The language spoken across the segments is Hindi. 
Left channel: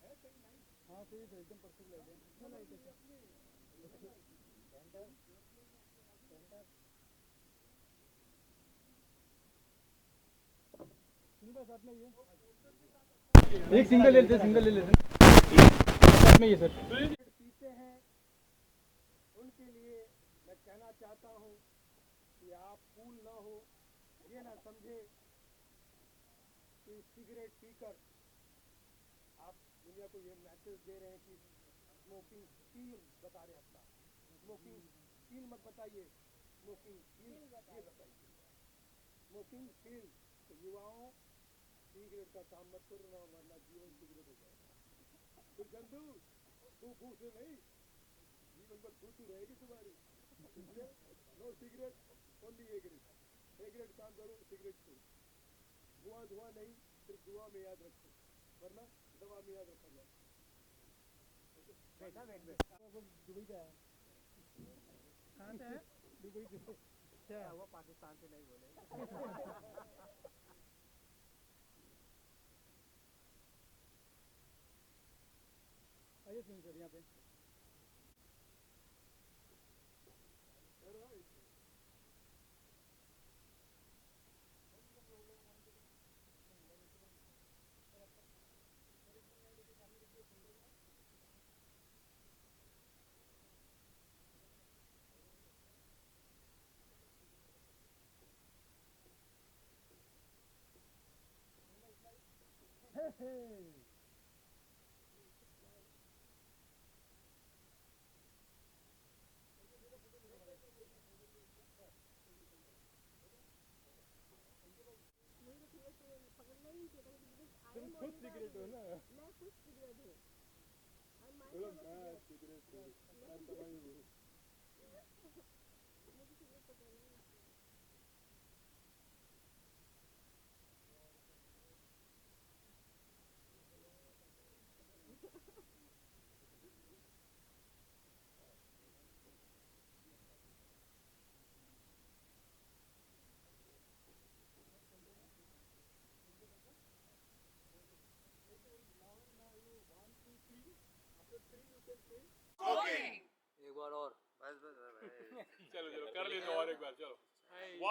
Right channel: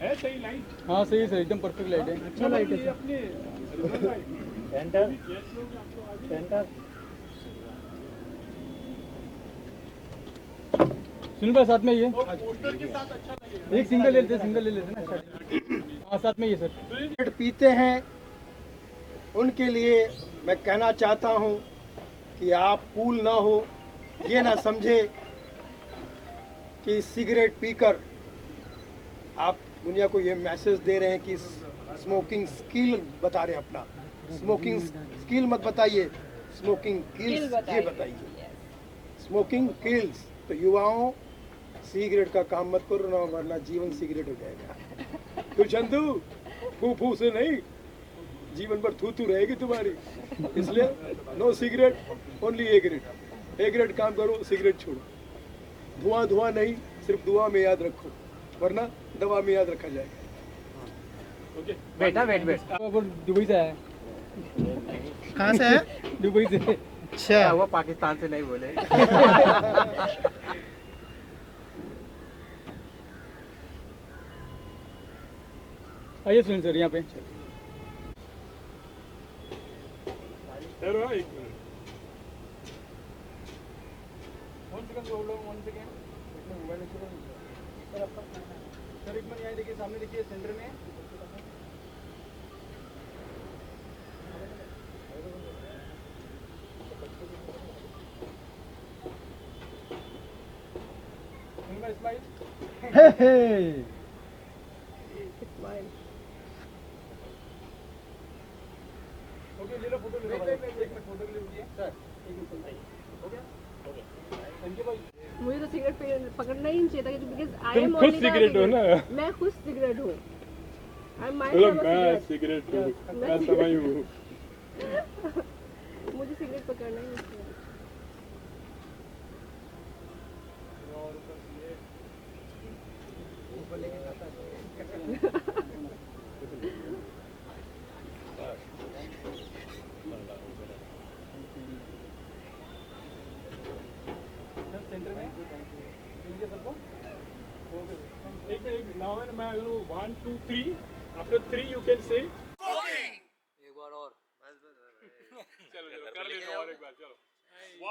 है सही लाइट? हाँ सही है सर, एकदम परफेक्ट लाइट है। अच्छा लाइट है अपने सेंटर सेंटर। सुन भाई साथ में ये पोस्टर के साथ अच्छा एक सिंगल ले लेते, सिंगल ले लेते ना साथ में ये सर। सिगरेट पीते हैं उनके लिए मैं कहना चाहता हूं कि आप कूल ना हो, ये ना समझे कि सिगरेट पीकर आप दुनिया को ये मैसेज दे रहे हैं कि स्मोकिंग स्किल बता रहे हैं अपना। स्मोकिंग स्किल मत बताइए, स्मोकिंग किल्स ये बताइए। Smoking kills. तो युवाओं, सिगरेट का काम मत करो ना, वरना जीवन सिगरेट हो जाएगा। तो चंदू फू फू से नहीं, जीवन भर थू थू रहेगी तुम्हारी। इसलिए no cigarette, only A grade. A grade काम करो, सिगरेट छोड़ो। धुआं धुआं नहीं, सिर्फ दुआ में याद रखो, वरना दवा में याद रखा जाएगा। ओके बेटा वेट वेट वो दुबई से आया है। कहाँ से है? दुबई से। अच्छा, वो पाकिस्तान से नहीं बोले। आइए सुन सर यहाँ पे। ठहरो एक मिनट। सर एक मिनट यहाँ देखिए, सामने देखिए सेंटर में। हे हे। ओके ले लो फोटो, ले लो। एक मिनट फोटो के लिए रुकिए सर। हो गया? थैंक यू भाई। मुझे तो सिगरेट पकड़ना ही नहीं चाहिए था, बिकॉज आई तुम एम खुद ओनली सिगरेट हो ना? मैं खुद सिगरेट हूँ। आई एम चलो माइसेल्फ मैं सिगरेट हूँ, मैं समय हूँ। मुझे सिगरेट पकड़ना ही नहीं चाहिए। Now when I go 1, 2, 3, after 3 you can say एक बार और चलो चलो कर लेना और एक बार चलो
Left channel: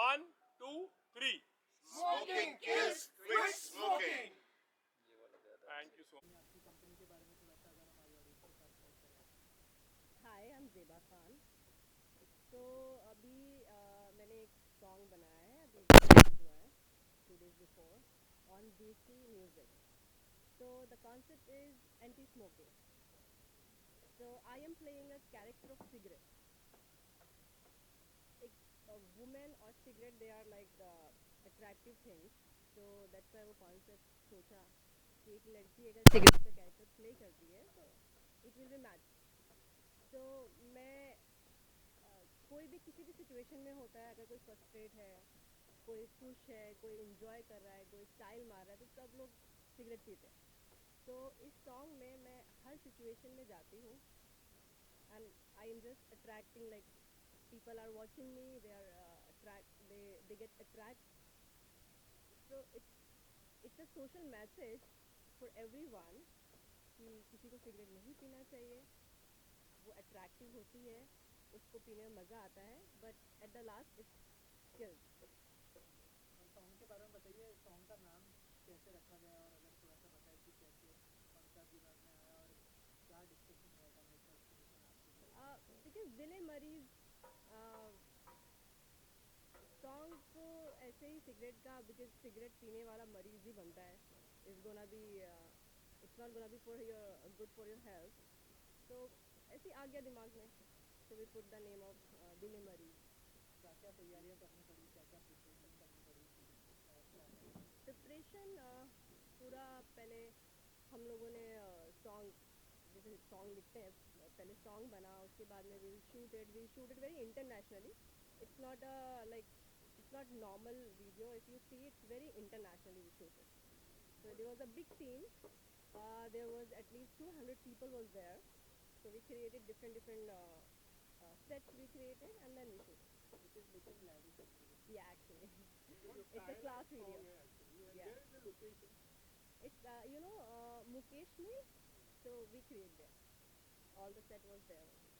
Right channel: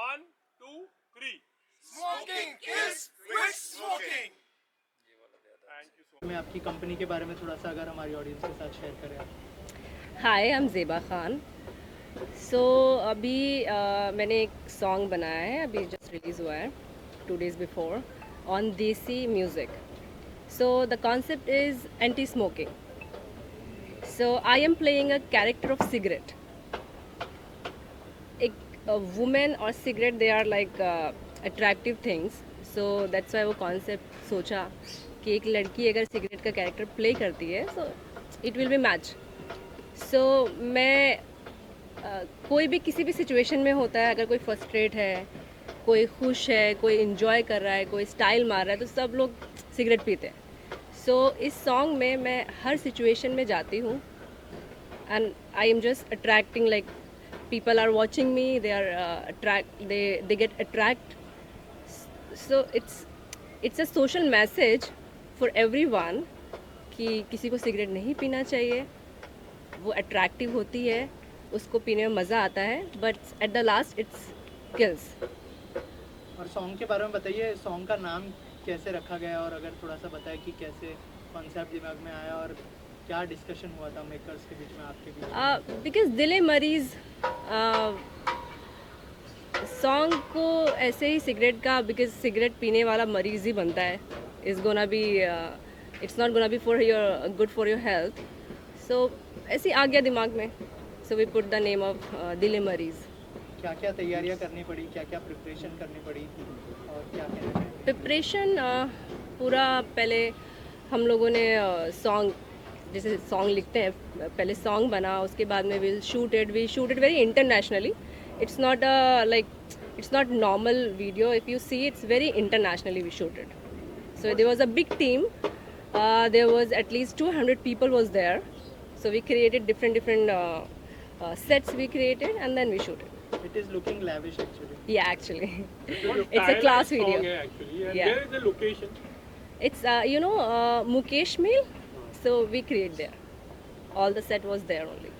1, 2, 3 Smoking kills, quit smoking. Thank you so much. मैं आपकी कंपनी के बारे में थोड़ा सा अगर हमारी ऑडियंस के साथ शेयर करें आप। हाय, आई एम ज़ेबा खान। सो अभी मैंने एक सॉन्ग बनाया है, अभी जस्ट रिलीज़ हुआ है 2 days बिफोर ऑन देसी music. So the concept is anti-smoking. So I am playing a character of cigarette. A woman or cigarette, they are like attractive things. So that's why वो concept सोचा कि एक लड़की अगर सिगरेट का कैरेक्टर प्ले करती है, so it will be match. So मैं कोई भी किसी भी सिचुएशन में होता है, अगर कोई फ्रस्ट्रेट है, कोई खुश है, कोई इन्जॉय कर रहा है, कोई स्टाइल मार रहा है, तो सब लोग सिगरेट पीते हैं। सो इस सॉन्ग में मैं हर सिचुएशन में जाती हूँ and I am just attracting, like people are watching me, they are attract, they get attract. So it's a social message for everyone कि किसी को सिगरेट नहीं पीना चाहिए, वो अट्रैक्टिव होती है उसको पीने में मज़ा आता है, but at the last it's kills. और सॉन्ग के बारे में बताइए, सॉन्ग का नाम कैसे रखा गया, और अगर थोड़ा सा बताएं कि कैसे कॉन्सेप्ट दिमाग में आया और क्या डिस्कशन हुआ था मेकर्स के बीच में, आपके बीच में? बिकॉज दिले मरीज सॉन्ग को ऐसे ही सिगरेट का, बिकॉज सिगरेट पीने वाला मरीज ही बनता है. It's gonna be it's not gonna be for your good for your health. So ऐसे ही आ गया दिमाग में. So we put the name of दिले मरीज. क्या क्या तैयारियां करनी पड़ी, क्या क्या प्रिपरेशन करनी पड़ी, और क्या क्या प्रिपरेशन पूरा पहले हम लोगों ने सॉन्ग, जैसे सॉन्ग लिखते हैं, पहले सॉन्ग बना, उसके बाद में we shoot it very internationally. It's not like it's not normal video. If you see, it's very internationally we shooted. So there was a big team. There was at least 200 people was there. So we created different sets we created, and then we shooted. It is looking lavish actually. Yeah, actually. It's a class video. Actually. And Yeah. where is the location? It's Mukesh Mill. So we create there. All the set was there only.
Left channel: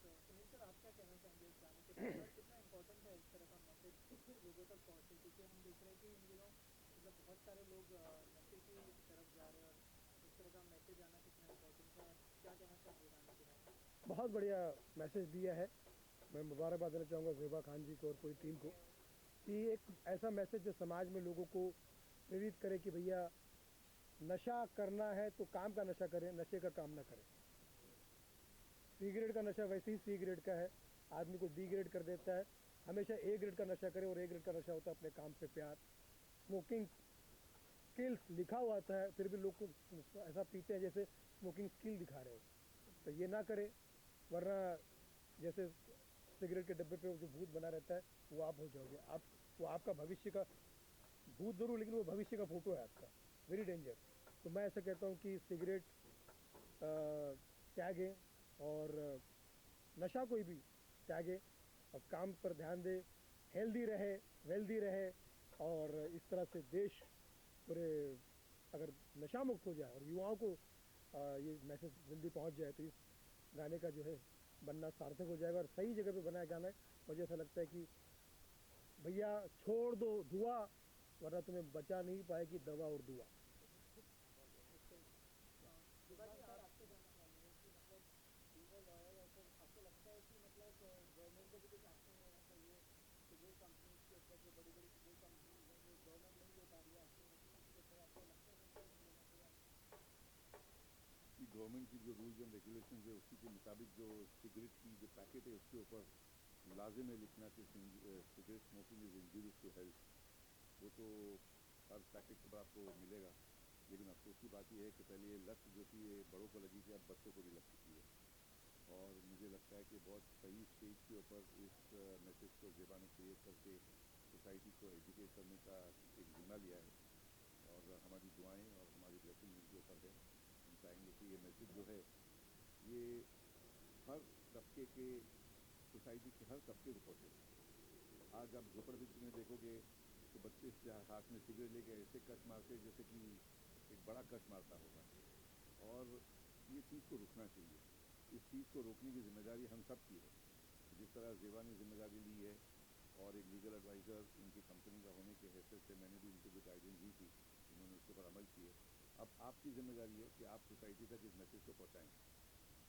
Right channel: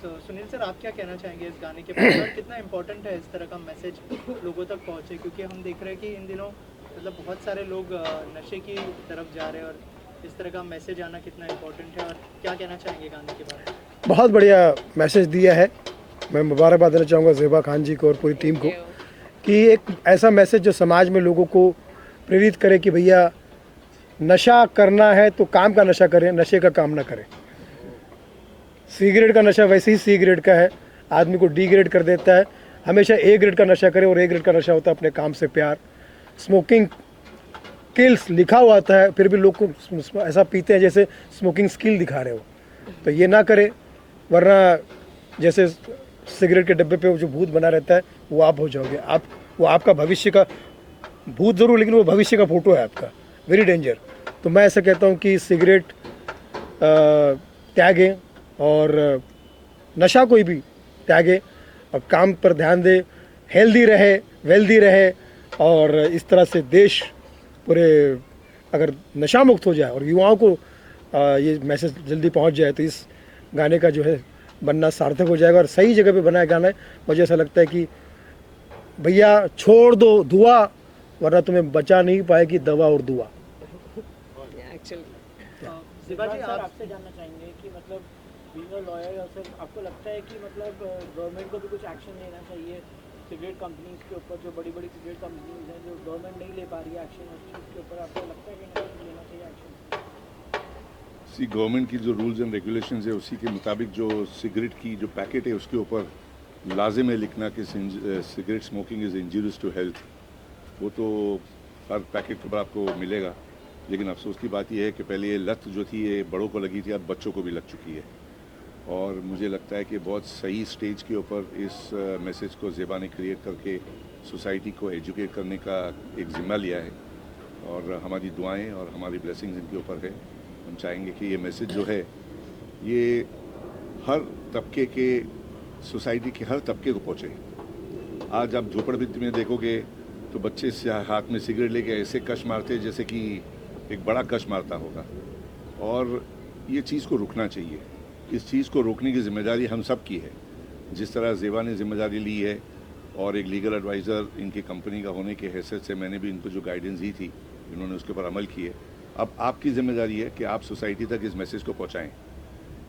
So Sunil sir, आप क्या कहना चाहेंगे इस गाने के बारे में, और कितना इम्पोर्टेंट है इस तरह का मैसेज लोगों तक पहुँचे, क्योंकि हम देख रहे हैं कि इन दिनों मतलब बहुत सारे लोग नशे की तरफ जा रहे हैं, और इस तरह का मैसेज आना कितना इम्पोर्टेंट है, और क्या कहना चाहेंगे गाने के बारे में? बहुत बढ़िया मैसेज दिया है. मैं मुबारकबाद देना चाहूँगा ज़ेबा खान जी को और पूरी टीम को कि एक ऐसा मैसेज जो समाज में लोगों को प्रेरित करे कि भैया नशा करना है तो काम का नशा करें, नशे का काम ना करें. सिगरेट का नशा वैसे ही सी ग्रेड का है, आदमी को डी ग्रेड कर देता है. हमेशा ए ग्रेड का नशा करें, और ए ग्रेड का नशा होता है अपने काम से प्यार. स्मोकिंग किल्स लिखा हुआ आता है, फिर भी लोग को ऐसा पीते हैं जैसे स्मोकिंग स्किल दिखा रहे हो. तो ये ना करें, वरना जैसे सिगरेट के डब्बे पे जो भूत बना रहता है वो आप हो जाओगे. वो आपका भविष्य का भूत ज़रूर, लेकिन वो भविष्य का फोटो है आपका. Very danger. तो मैं ऐसा कहता हूँ कि सिगरेट त्यागें और नशा कोई भी त्यागे, और काम पर ध्यान दे, हेल्दी रहे, वेल्दी रहे, और इस तरह से देश पूरे अगर नशा मुक्त हो जाए और युवाओं को ये मैसेज जल्दी पहुंच जाए, तो इस गाने का जो है बनना सार्थक हो जाएगा. और सही जगह पे बनाया गाना है. मुझे ऐसा लगता है कि भैया छोड़ दो धुआं, वरना तुम्हें बचा नहीं पाएगी दवा और दुआ. Actually. ज़ेबा जी, आप आपसे जानना चाहेंगे कि मतलब बीइंग अ लॉयर सर, आपको लगता है कि मतलब गवर्नमेंट को भी कुछ एक्शन लेना चाहिए सिगरेट कंपनीज के ऊपर, जो बड़ी बड़ी सिगरेट कंपनीज हैं जो गवर्नमेंट नहीं ले पा रही है एक्शन उस चीज़ के ऊपर, आपको लगता है कि नहीं लेना चाहिए एक्शन? सी गवर्नमेंट की जो रूल्स एंड रेगुलेशंस है उसी के मुताबिक जो सिगरेट की जो पैकेट है उसके ऊपर लाजिम है लिखना कि cigarette smoking is injurious to health. वो तो हर पैकेट के ऊपर आपको मिलेगा. लेकिन अफसोस की बात यह है कि पहले ये लत जो थी ये बड़ों को लगी थी, अब बच्चों को भी लग चुकी है. और मुझे लगता है कि बहुत सही स्टेज के ऊपर इस मैसेज को ज़ेबा ने क्रिएट करके सोसाइटी को एजुकेट करने का एक ज़िम्मा लिया है. और हमारी दुआएं और हमारी ब्लेसिंग्स इनके ऊपर है. हम चाहेंगे कि ये मैसेज जो है ये हर तबके के, सोसाइटी के हर तबके को पहुँचे. आज आप झोपड़पट्टी में देखोगे तो बच्चे हाथ में सिगरेट लेके ऐसे कश मारते हैं जैसे कि एक बड़ा कश मारता होगा. और ये चीज़ को रुकना चाहिए. इस चीज़ को रोकने की जिम्मेदारी हम सब की है. जिस तरह ज़ेबा ने जिम्मेदारी ली है, और एक लीगल एडवाइज़र इनकी कंपनी का होने के हैसियत से मैंने भी इनको जो गाइडेंस दी थी, इन्होंने उसके ऊपर अमल किए. अब आपकी ज़िम्मेदारी है कि आप सोसाइटी तक इस मैसेज को पहुँचाएँ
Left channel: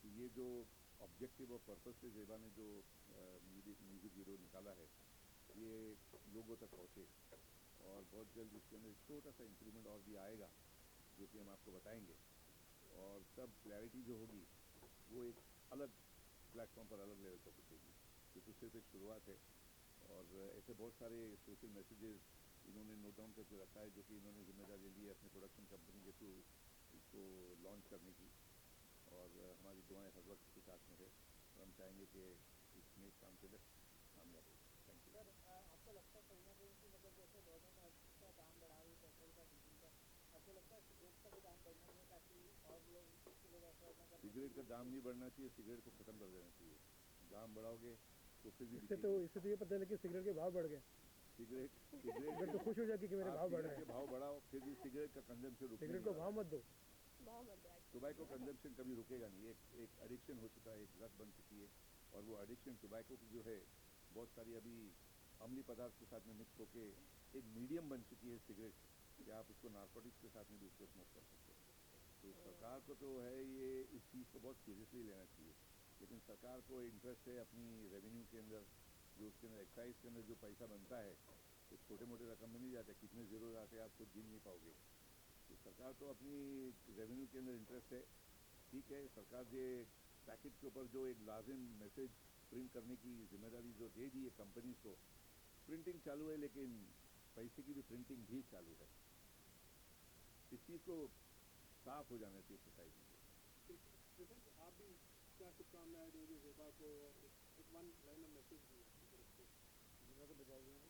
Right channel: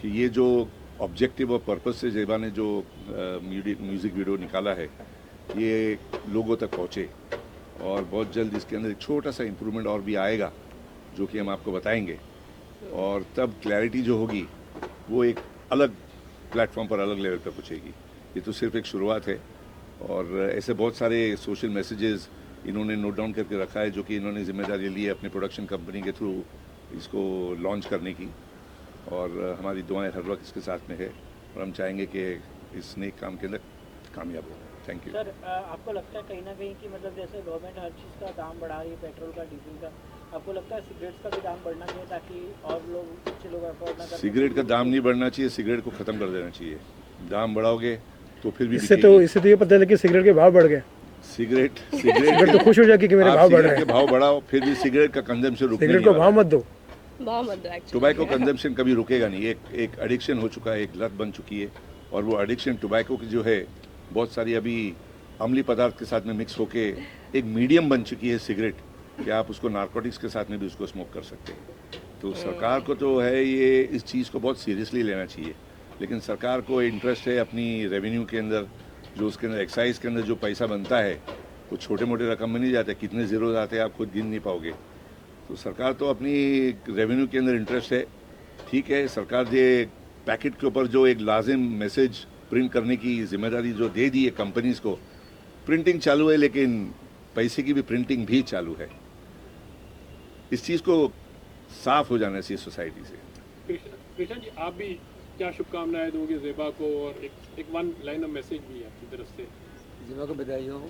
कि ये जो ऑब्जेक्टिव और पर्पस से ज़ेबा ने जो म्यूज़िक वीडियो निकाला है ये लोगों तक पहुँचे. और बहुत जल्द इसके अंदर एक छोटा सा इम्प्रूवमेंट और भी आएगा जो कि हम आपको बताएंगे. और तब क्लैरिटी जो होगी वो एक अलग प्लेटफॉर्म पर, अलग लेवल पर पहुँचेगी. ये तो सिर्फ एक शुरुआत है. और ऐसे बहुत सारे सोशल मैसेजेस इन्होंने नोट डाउन करके रखा है जो कि इन्होंने जिम्मेदारी ली है अपने प्रोडक्शन कंपनी के थ्रू इसको लॉन्च करने की. और हमारी दुआएं हर वक्त इसके साथ में है, और हम चाहेंगे कि इस नेक काम के अंदर कामयाब हो. Thank you. सर, आपको लगता है कहीं ना कहीं कि मतलब जैसे गवर्नमेंट हर चीज़ का दाम बढ़ा रही है, पेट्रोल का, डीजल का, आपको लगता है सिगरेट्स का भी दाम बढ़ना चाहिए ताकि और लोग, अच्छे लोग अफोर्ड ना कर? सिगरेट का दाम नहीं बढ़ना चाहिए, सिगरेट को ख़त्म कर देना चाहिए. दाम बढ़ाओगे तो फिर भी इससे तो ये पता चला कि सिगरेट के भाव बढ़ गए. सिगरेट तो खुश हो जाएगी कि मेरे भाव बढ़ रहे के हैं. भाव बढ़ाओ, फिर भी सिगरेट का कंजम्पशन रुकने सिगरेट नहीं को वाला. भाव मत दो. बहुत मत दो एक्चुअली। टोबैको कंजम्पशन कभी रुकेगा नहीं, एक एडिक्शन हो चुका है, एक लत बन चुकी है। और वो एडिक्शन टोबैको की जो है बहुत सारी अभी अम्लीय पदार्थ के साथ में मिक्स होके एक मीडियम बन चुकी है सिगरेट, कि आप उसको नारकोटिक्स के साथ में भी उसको स्मोक कर सकते हैं। तो सरकार को तो है ये इस चीज़ को बहुत सीरियसली लेना चाहिए, लेकिन सरकार को इंटरेस्ट है अपनी रेवेन्यू के अंदर, जो उसके अंदर एक्साइज के अंदर जो पैसा बनता है वो छोटे मोटे रकम में नहीं जाते, कितने ज़ीरो आते हैं आप खुद गिन नहीं पाओगे। तो सरकार तो अपनी रेवेन्यू के अंदर इंटरेस्ट है। ठीक है, सरकार ये पैकेट के ऊपर जो एक लाजिम मैसेज प्रिंट करने की जिम्मेदारी जो दे दी है कंपनीज को, प्रिंटिंग चालू है, लेकिन पैसे की भी प्रिंटिंग भी चालू है। इस चीज़ को साफ हो जाना चाहिए सोसाइटी से। कृष्ण जी, आप भी क्या शुभकामनाएं दोगे ज़ेबा को, और एक वन लाइन ऑफ मैसेज भी है आपकी तरफ से? ज़ेबा को बधाई हो।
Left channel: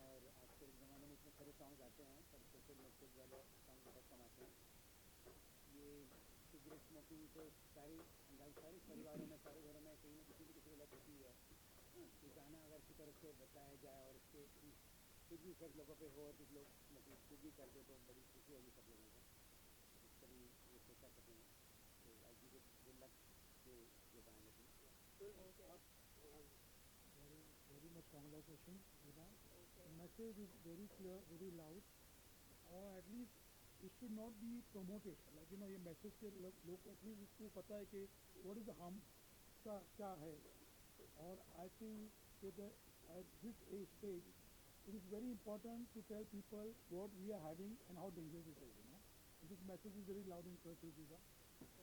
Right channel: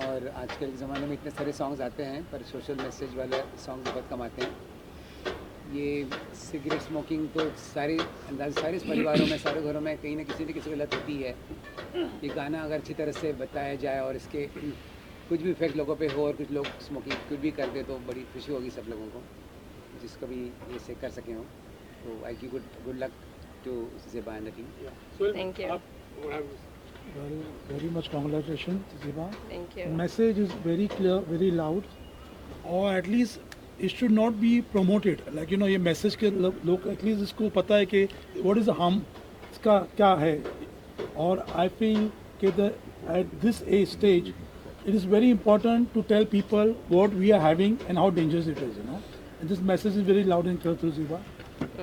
और आजकल के ज़माने में इतने सारे सॉन्ग्स आते हैं, पर सोशल मैसेज वाले सॉन्ग बहुत कम आते हैं। ये सिगरेट स्मोकिंग तो सारे परिवारों में, सारे घरों में कहीं ना किसी को लत होती है। ये गाना अगर अच्छी तरह से बताया जाए और इसके कुछ भी इफेक्ट लोगों पे हो और कुछ लोग स्मोकिंग कुछ भी कर दे तो बड़ी खुशी होगी सब लोगों को, जिसको भी ये से कर सके हो। तो I give good luck to Zeba and the team. Thank you. Well, very much congratulations, Ziba. Thank you. Message is very clear, very loud, or at least it should not be promoted. Like ये मैसेज के लोग एटलीस्ट इसको पता है कि what is the harm इसका क्या है। और I feel कि at this age stage it is very important to tell people what we are having and how dangerous it is, And this message is very loud and clear through Ziba.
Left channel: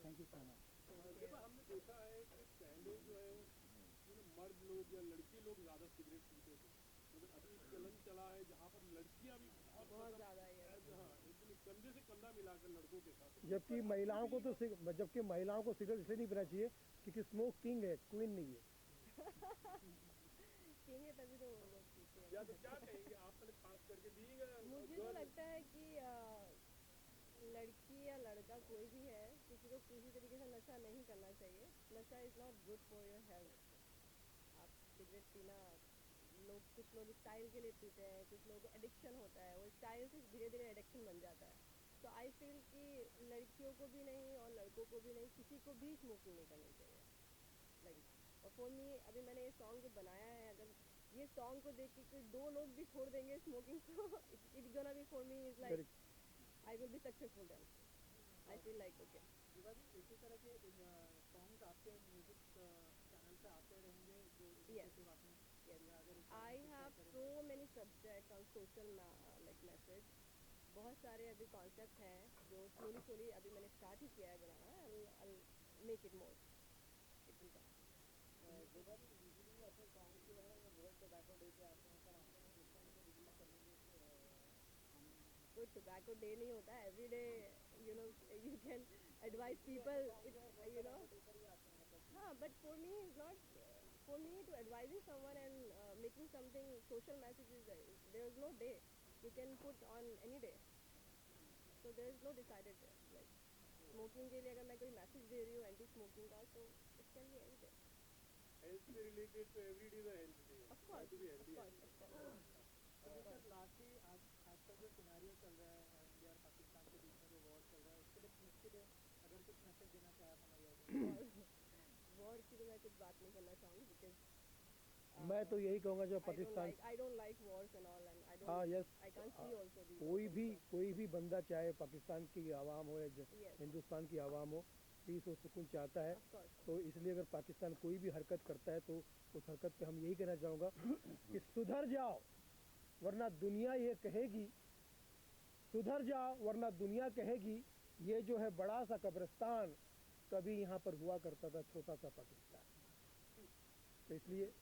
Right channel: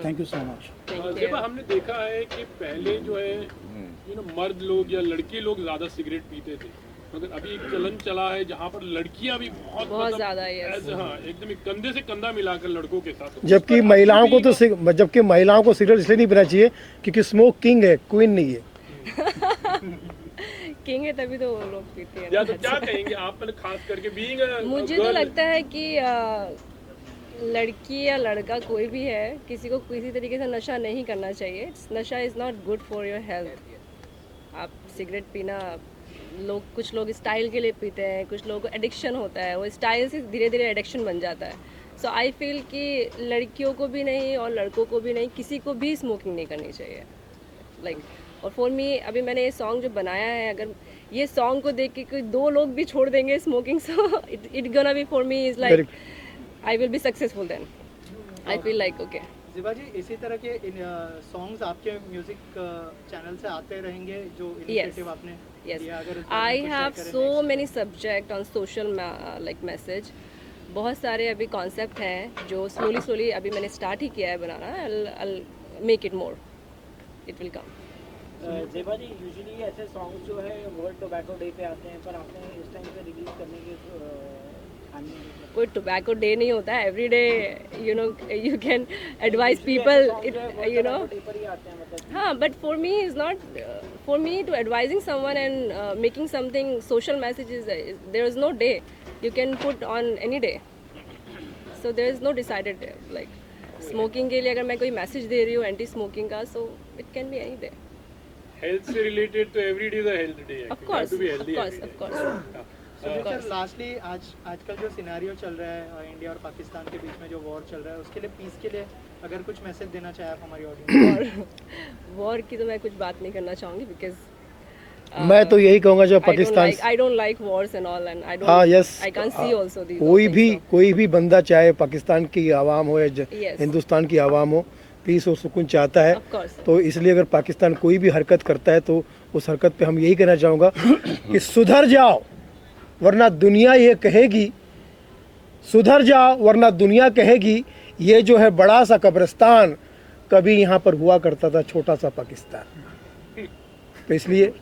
Thank you so much. Zeba, हमने देखा है कि पहले जो है मर्द लोग या लड़के लोग ज़्यादा सिगरेट पीते थे, मगर अभी एक चलन चला है जहाँ पर लड़कियाँ भी बहुत ज़्यादा, yes. हाँ, एकदम एक कंधे से कंधा मिलाकर लड़कों के साथ। जबकि महिलाओं को तो सिगरेट इसलिए नहीं पीना चाहिए क्योंकि स्मोक किंग है, क्वीन नहीं है। किंग है तभी तो वो लोग पीते हैं। या तो क्या कहेंगे आप, खास करके बीइंग मुझे तो लगता है कि लड़की या लड़का कोई भी है, किसी को किसी तरीके से नशा नहीं करना चाहिए। नशा is not good for your health. आप सिगरेट पीना, कुछ लोग स्टाइल के लिए पीते हैं, कुछ लोगों को एडिक्शन होता है, वो स्टाइल से धीरे धीरे एडिक्शन बन जाता है। सो आई फील कि लड़कियों को भी नहीं और लड़कों को भी नहीं, किसी को भी स्मोकिंग नहीं करनी चाहिए। और फॉर मी, अभी मैंने ये सॉन्ग जो बनाया है, अगर ये सॉन्ग को देख के कोई 2 लोग भी छोड़ देंगे smoking, so it gonna be for me is like I will be successful then. I feel like okay. Zeba ji, इसी तरह के सॉन्ग्स आपके म्यूजिक चैनल से आते रहेंगे जो इनिशिएटिव आपने किया? अगर I have so many subject on social like message, बहुत सारे अभी कॉन्सेप्ट हैं जो स्लोली अभी मैंने स्टार्ट ही किया है बनाना। I make it more, it will come. Zeba ji, usually ऐसे सॉन्ग जो है वर्ल्ड टोबैको डे पे आते हैं, पर आपने इस टाइम पे रिलीज करने के कोई टोबैको डे नहीं होता है। Every day you can advise people, हाँ, but for me is not, for me to advising someone and making something social messages, there is no day you can put on any day, so there is no decided day. Like smoking के लिए अगर मैं कोई मैसेज दे रही हूँ एंटी स्मोकिंग का, so it can be any day. Health से रिलेटेड तो every day is a health day. Of course, of course. Sir, lastly आजकल जो सिनेरियो चल रहा है इंडिया और पाकिस्तान के बीच में, जो वॉर चल रहा है, उसके लिए, पीस के लिए अगर कुछ मैसेज देना चाहे आप हमारी ऑडियंस? वॉर की तो मैं कुछ बात नहीं करना चाहूँगी, बिकॉज मैं तो यही कहूँगा जो Pakistan, I don't like wars and all, and I don't, हाँ, yes, I can't see also these कोई भी बंदा, चाहे पाकिस्तान की आवाम हो या Yes. हिंदुस्तान की आवाम हो, पीस और सुकून चाहता है। Of course. तो इसलिए अगर पाकिस्तान कोई भी हरकत करता है तो उस हरकत पे हम यही कहना चाहूँगा कि सुधर जाओ, वरना दुनिया ये कहेगी, सुधर जाओ वरना दुनिया कहेगी ये जो है बड़ा सा कब्रिस्तान कभी यहाँ पर हुआ करता था छोटा सा पाकिस्तान। तो इसलिए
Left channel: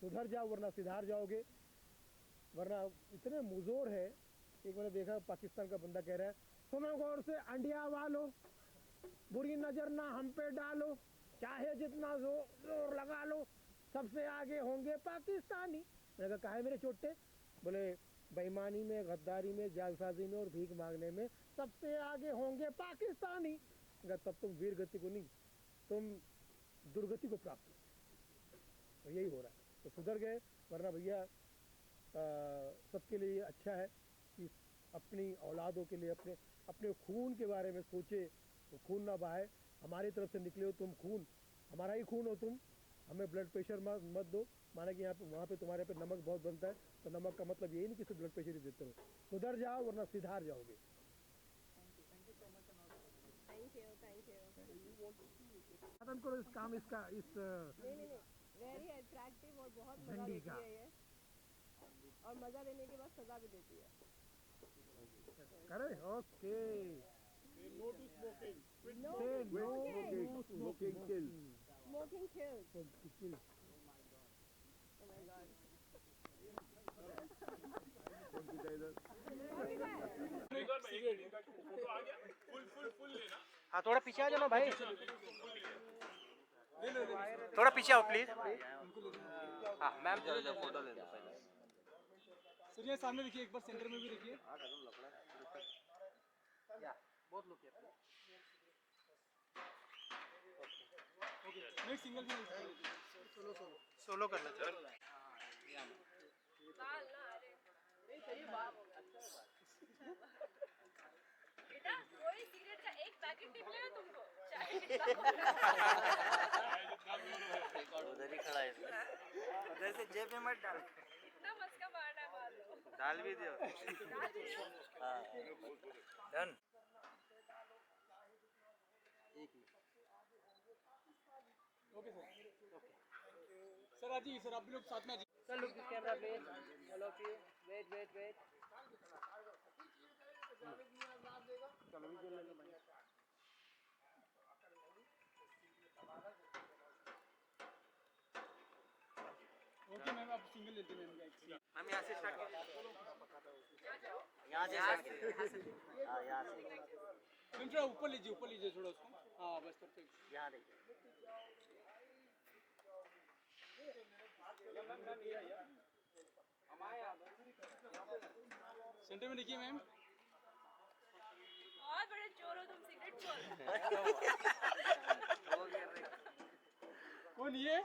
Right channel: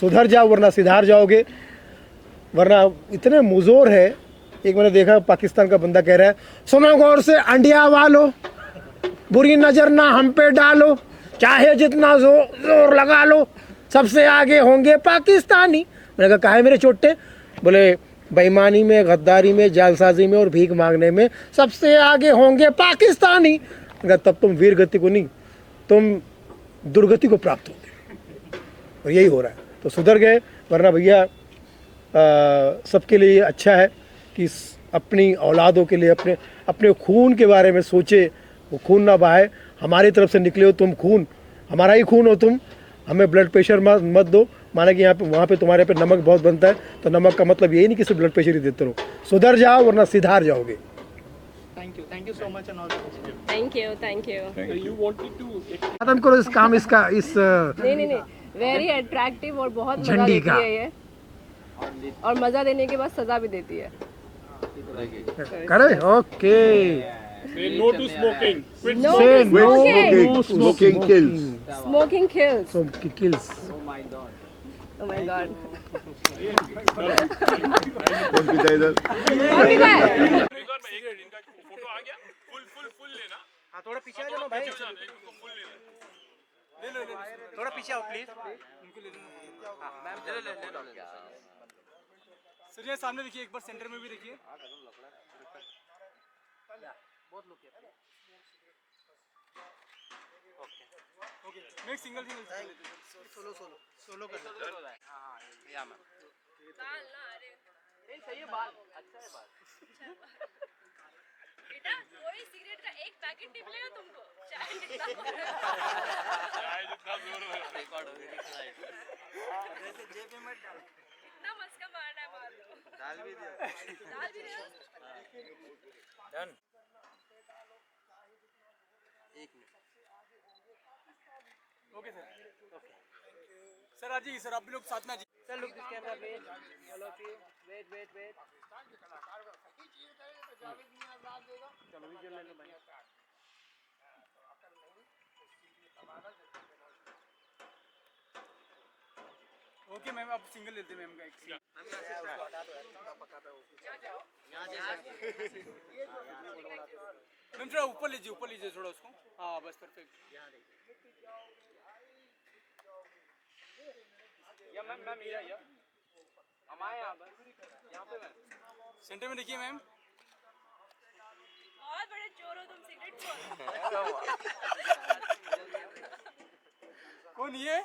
सुधर जाओ वरना सिधार जाओगे, वरना इतने मुजोर है। एक मैंने देखा पाकिस्तान का बंदा कह रहा है, सुनो गौर से अंडिया वालो, बुरी नज़र ना हम पे डालो, चाहे जितना जोर लगा लो, सबसे आगे होंगे पाकिस्तानी। मैंने कहा काहे मेरे चोटे? बोले बेईमानी में, गद्दारी में, जालसाजी में और भीख मांगने में सबसे आगे होंगे पाकिस्तानी। मैंने कहा तब तुम वीर गति को नहीं, तुम दुर्गति को प्राप्त होगे। और यही हो रहा है। तो सुधर गए, वरना भैया सबके लिए अच्छा है कि अपनी औलादों के लिए अपने अपने खून के बारे में सोचे, वो खून ना बहाए। हमारी तरफ से निकले हो तुम खून, हमारा ही खून हो तुम, हमें ब्लड प्रेशर मत दो। माना कि यहाँ पे वहाँ पे तुम्हारे पे नमक बहुत बनता है, तो नमक का मतलब यही नहीं कि सिर्फ ब्लड प्रेशर ही देते रहो, सुधर जाओ वरना सिधार जाओगे। Thank you so much and all the best. Thank you, thank you. Thank you. You wanted to खत्म करो इस काम इसका, इस नहीं नहीं नहीं, वेरी अट्रैक्टिव और बहुत मजा झंडी देती का। है ये, और मजा देने के बाद सजा भी देती है। करे okay. say no to smoking. Quit No Say to no smoking. Smoking kills. Smoking kills. So kills. Oh my god. कौन पीता है इधर? कौन पीता है? एक बार मैं एक इनका फोटो आ गया, फुल लेना। हाँ थोड़ा पीछे आ जाओ भाई, फुल लेना। थोड़ा पीछे आओ प्लीज। सर ये सामने देखिए, एक बार सेंटर में भी देखिए। नेक्स्ट सिंगल सोलो करना। बेटा कोई सिगरेट का एक पैकेट टिप लेगा तुमको, चाहे जितना हो रहा है। इतना मस्का मारना है, मार लो। डाल भी दो। ओके सर, सर आ जाइए सर, आप भी लोग साथ में आ जाइए। Sir, look this camera, please. Hello, please. Wait. चलो विजुअल ले लो भाई। ओके मैम, आप सिंगल लेते मैम का एक। मैम थोड़ा ऊपर लीजिए थोड़ा उसको। हाँ बस परफेक्ट। सेंटर में देखिए मैम। बहुत बड़े चोर हो तुम, सिगरेट चोर। कौन ये?